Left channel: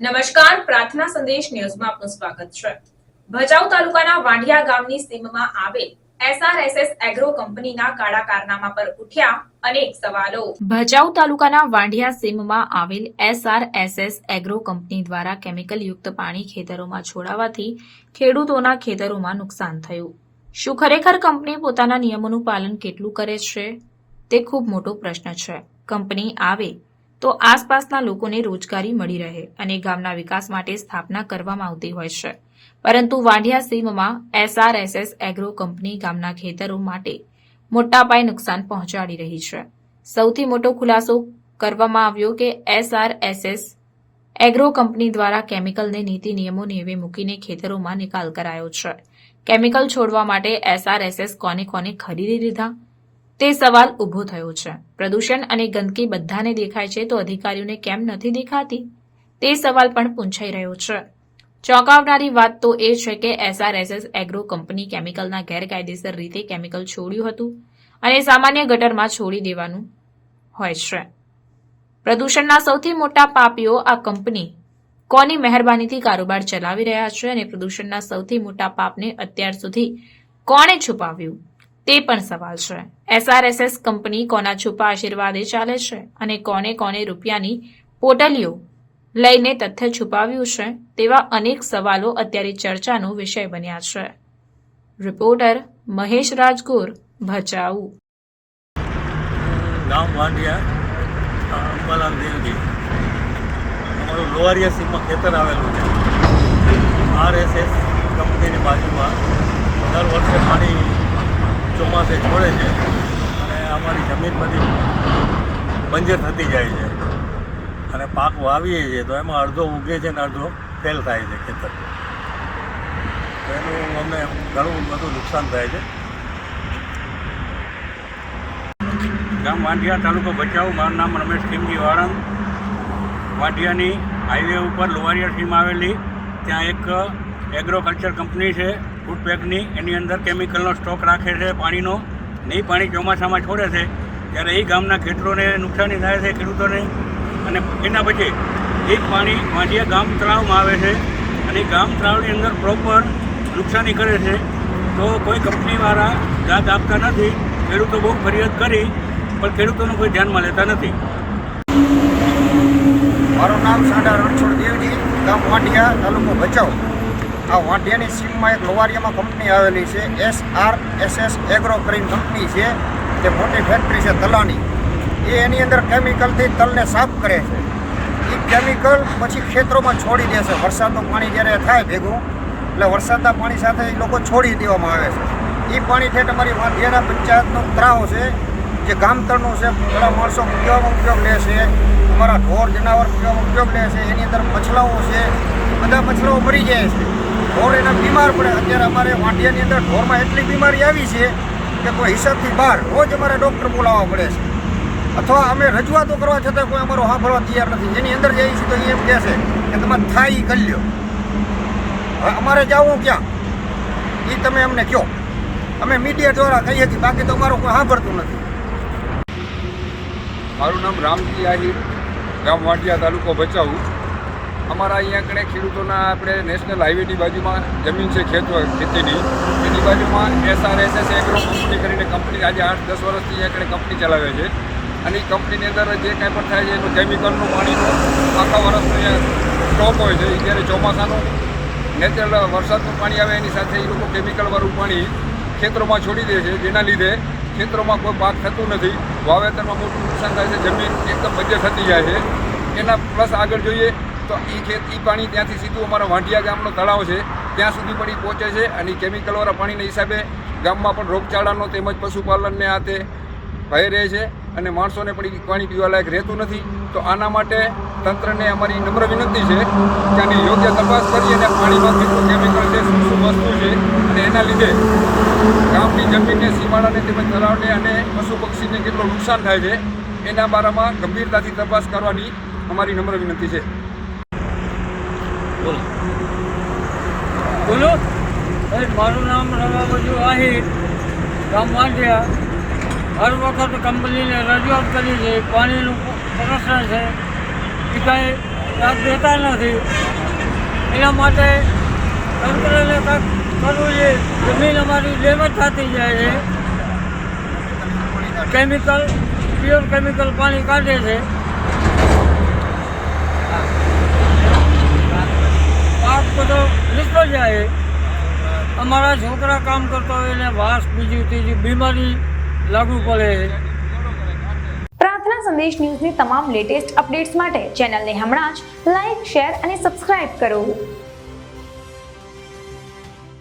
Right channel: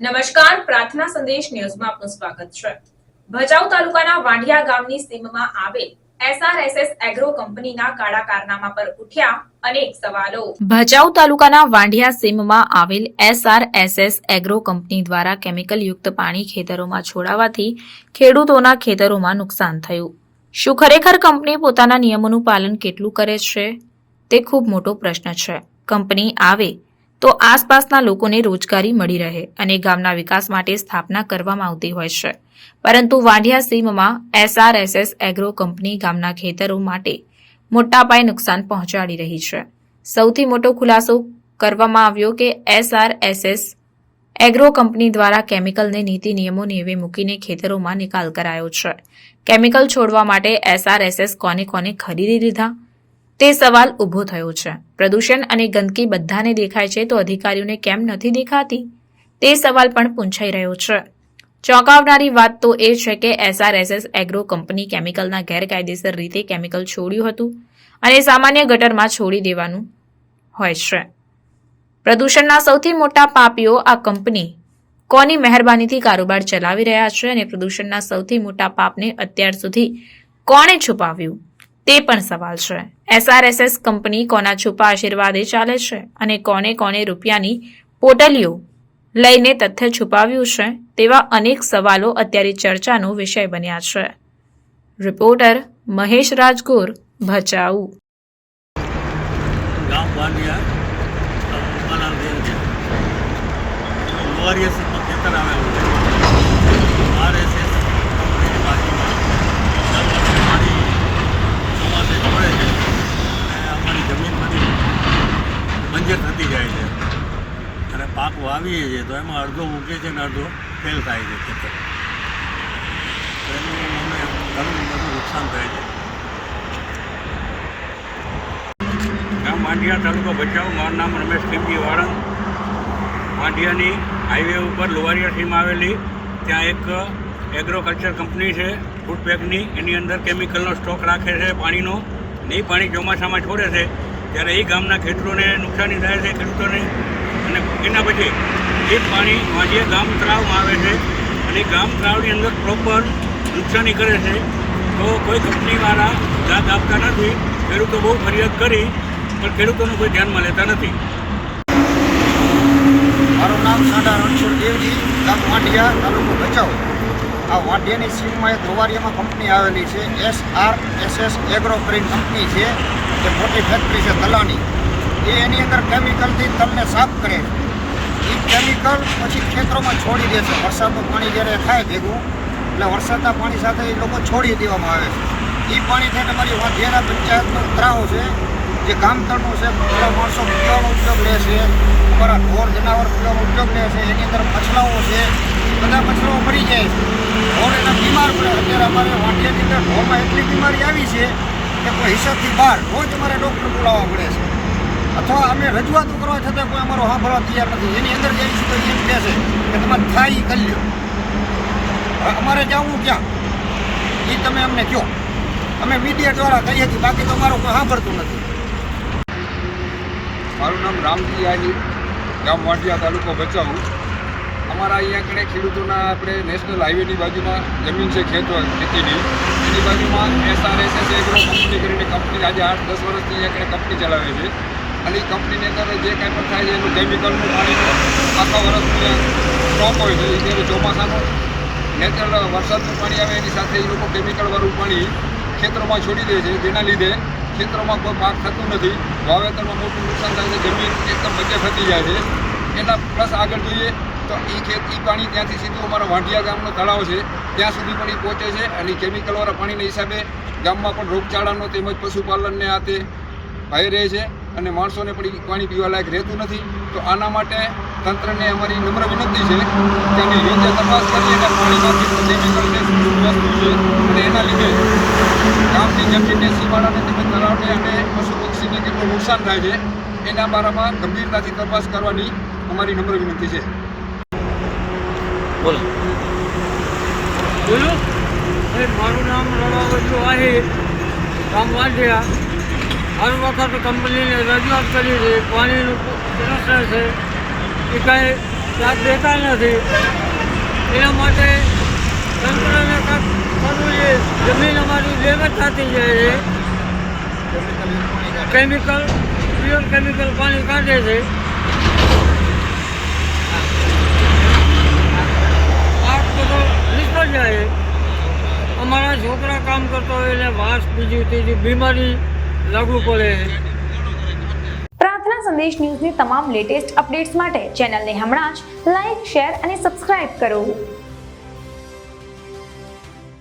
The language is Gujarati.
નમસ્કાર, પ્રાર્થના સંદેશ ન્યૂઝમાં આપનું સ્વાગત છે. ભચાઉ તાલુકાના વાંઢિયા ગામની સીમમાં આવેલ એસઆરએસએસ એગ્રો કંપનીના કાળા કારનામા પર ઉઠ્યા અનેક સવાલો. ભચાઉ તાલુકાના વાંઢિયા સીમમાં આવેલ એસઆરએસએસ એગ્રો કંપની દ્વારા કેમિકલ યુક્ત પાણી ખેતરોમાં છોડાવાથી ખેડૂતોના ખેતરોમાં નુકસાન થયું. શું ખરેખર કંપની પોતાના નિયમોનું પાલન કેટલું કરે છે? તે ખૂબ મોટો પ્રશ્ન છે. કંપની આવે તો આસપાસના લોકોને રોજગારી મળી રહે અને ગામના વિકાસ માટે સ્થાપના કરવામાં આવતી હોય છે. પરંતુ વાંઢિયા સીમમાં એસઆરએસએસ એગ્રો કંપની ગામના ખેતરો માટે મોટા પાયે નુકસાન પહોંચાડી રહી છે. સૌથી મોટો ખુલાસો કરવામાં આવ્યો કે એસઆરએસએસ એગ્રો કંપની દ્વારા કેમિકલને નીતિ નિયમો નેવે મૂકીને ખેતરોમાં નિકાલ કરાયો છે. કેમિકલ છોડવા માટે એસઆરએસએસ કોને કોને ખરીદી લીધા તે સવાલ ઊભો થયો છે. પ્રદૂષણ અને ગંદકી બધાને દેખાય છે તો અધિકારીઓને કેમ નથી દેખાતી? તે સવાલ પણ પૂંછાઈ રહ્યો છે. ચોંકાવનારી વાત તો એ છે કે એસઆરએસએસ એગ્રો કંપની કેમિકલના ગેરકાયદેસર રીતે કેમિકલ છોડ્યું હતું અને સામાન્ય ગટરમાં છોડી દેવાનું હોય છે. પ્રદૂષણના સૌથી મોટા પાપીઓ આ કંપની કોની મહેરબાનીથી કારોબાર ચલાવી રહ્યા છે અને પ્રદૂષણના સૌથી મોટા પાપને અત્યાર સુધી કોણે છુપાવ્યું? તે પણ સવાલ છે. એસઆરએસએસ કંપની કોના છુપા આશીર્વાદે ચાલે છે અને કોને કોને રૂપિયાની પોટલીઓ લઈને તથ્ય છુપાવ્યું છે તેવા અનેક સવાલો અત્યારે ચર્ચાનો વિષય બન્યા છે. રિપોર્ટર મહેશ રાજગોર, ભચાઉ. ગામ વાંડિયા ખેતર આવેલું છે. આરએસએસ કંપનીની બાજુમાં દર વર્ષે પાણી ચોમાસે છોડે છે અમારી જમીન બધી બંજર થતી જાય છે. અને પાક વાવીએ છીએ તો એમાં અડધો ઉગે છે ને અડધો ફેલ થાય છે ખેતર. તો એનું અમને ઘણું બધું નુકસાન થાય છે. ગામ વાંઢિયા તાલુકો ભચાઉ. મારું નામ રમેશ ખીમજી વાળંદ વાંઢિયાની હાઈવે ઉપર લોવારિયા સીમ આવેલી. ત્યાં એક એગ્રોકલ્ચર કંપની છે ફૂડ પેકની એની અંદર કેમિકલનો સ્ટોક રાખે છે પાણીનો. અને એ પાણી ચોમાસામાં છોડે છે, ત્યારે એ ગામના ખેતરોને નુકસાની થાય છે ખેડૂતોને. અને એના પછી એ પાણી વાંઢિયા ગામ તળાવમાં આવે છે અને ગામ તળાવની અંદર પ્રોપર નુકસાની કરે છે. તો કોઈ કંપનીવાળા દાદ આપતા નથી, ખેડૂતો બહુ ફરિયાદ કરી, પણ ખેડૂતોનું કોઈ ધ્યાનમાં લેતા નથી. મારું નામ સાડા રણછોડ દેવજી ગામ વાંઢિયા, તાલુકો ભચાઉ. આ વાંઢિયાની સીમમાં એક લોવારિયામાં કંપની આવેલી છે. S R S S agro કરીને કંપની છે. જે મોટી ફેક્ટરી છે તલાની. એ એની અંદર કેમિકલથી તલને સાફ કરે છે. એ કેમિકલ પછી ખેતરોમાં છોડી દે છે. વરસાદનું પાણી જ્યારે થાય ભેગું, એટલે વરસાદના પાણી સાથે એ લોકો છોડી દેવામાં આવે છે. એ પાણી છે તમારી વાંઢિયાના પંચાયતનો ત્રાવો છે. જે ગામતળનો છે ઘણા માણસો પીવામાં ઉપયોગ લે છે. અમારા ઢોર જનાવર પીવામાં ઉપયોગ લે છે. એની અંદર મછલાઓ છે. બધા મછલાઓ મરી જાય છે. ઢોર એના બીમાર પડે. અત્યારે અમારે વાંઢિયાની અંદર ઢોરમાં એટલી બીમારી આવી છે કે કોઈ હિસાબથી બહાર રોજ અમારે ડૉક્ટર બોલાવવા પડે છે. અથવા અમે રજૂઆતો કરવા છતાં કોઈ અમારો સાંભળવા તૈયાર નથી. એની અંદર જઈએ છીએ તો એમ કહે છે કે તમારે થાય કરી લ્યો. હવે અમારે જવું ક્યાં? એ તમે અમને કહો. અમે મીડિયા દ્વારા કહીએ છીએ, બાકી તો અમારો કોઈ સાંભળતું નથી. મારું નામ રામજી આહિર. ગામ વાંટિયા તાલુકો ભચાઉ. અમારા અહીંયા કણે ખેડૂતોના આપણે નેશનલ હાઈવેની બાજુમાં જમીન છે, ખેત ખેતીની. એની બાજુમાં એસઆરએસએસ એગ્રો કંપની કરીને કંપની આજે આઠ દસ વર્ષથી અહીંયા કણે કંપની ચલાવે છે. અને એ કંપનીની અંદર જે કાંઈ પણ થાય છે, એનું કેમિકલનું પાણીનું, આખા વર્ષનું અહીંયા સ્ટોક હોય છે જ્યારે ચોમાસાનું નેચરલ વરસાદનું પાણી આવે, એની સાથે એ લોકો કેમિકલવાળું પાણી ખેતરોમાં છોડી દે છે. જેના લીધે ખેતરોમાં કોઈ પાક થતું નથી. વાવેતરમાં મોટું નુકસાન થાય છે. જમીન એકદમ મજે થતી જાય છે. એના પ્લસ આગળ જોઈએ તો એ ખેત એ પાણી ત્યાંથી સીધું અમારા વાંઢિયા ગામનો તળાવ છે. ત્યાં સુધી પણ એ પહોંચે છે અને કેમિકલવાળા પાણીના હિસાબે ગામમાં પણ રોગચાળાનો તેમજ પશુપાલનને આ તે ભય રહે છે અને માણસોને પણ પાણી પીવા લાયક રહેતું નથી. તો આના માટે તંત્રને અમારી નમ્ર વિનંતી છે કે આની યોગ્ય તપાસ કરી અને પાણીમાં કેટલું કેમિકલ છે શું વસ્તુ છે અને એના લીધે ગામની જમીનને, સીમાડાને તેમજ તળાવને અને પશુ પક્ષીને કેટલું નુકસાન થાય છે એના બારામાં ગંભીરતાથી તપાસ કરવાની અમારી નમ્ર વિનંતી છે. બોલો. બોલો? મારું નામ રવાબજુ આહિર. ગામ વાંઢિયા. હર વખત કંપનીને રજૂઆત કરી છે પાણીનું પ્રશ્ન છે. એ કાંઈ સાથ દેતા નથી. એના માટે તંત્રને કાંઈક કરવું છે. જમીન અમારી ડેમેજ થતી જાય છે કેમિકલ પ્યોર કેમિકલ પાણી કાઢે છે પાક બધો નીકળી જાય અમારા છોકરા કામ કરતા હોય એને વાસ બીજું ત્રીજું બીમારી લાગુ પડે. પ્રાર્થના સંદેશ ન્યૂઝની તમામ લેટેસ્ટ અપડેટ્સ માટે ચેનલને હમણાં જ લાઇક શેર અને સબસ્ક્રાઇબ કરો.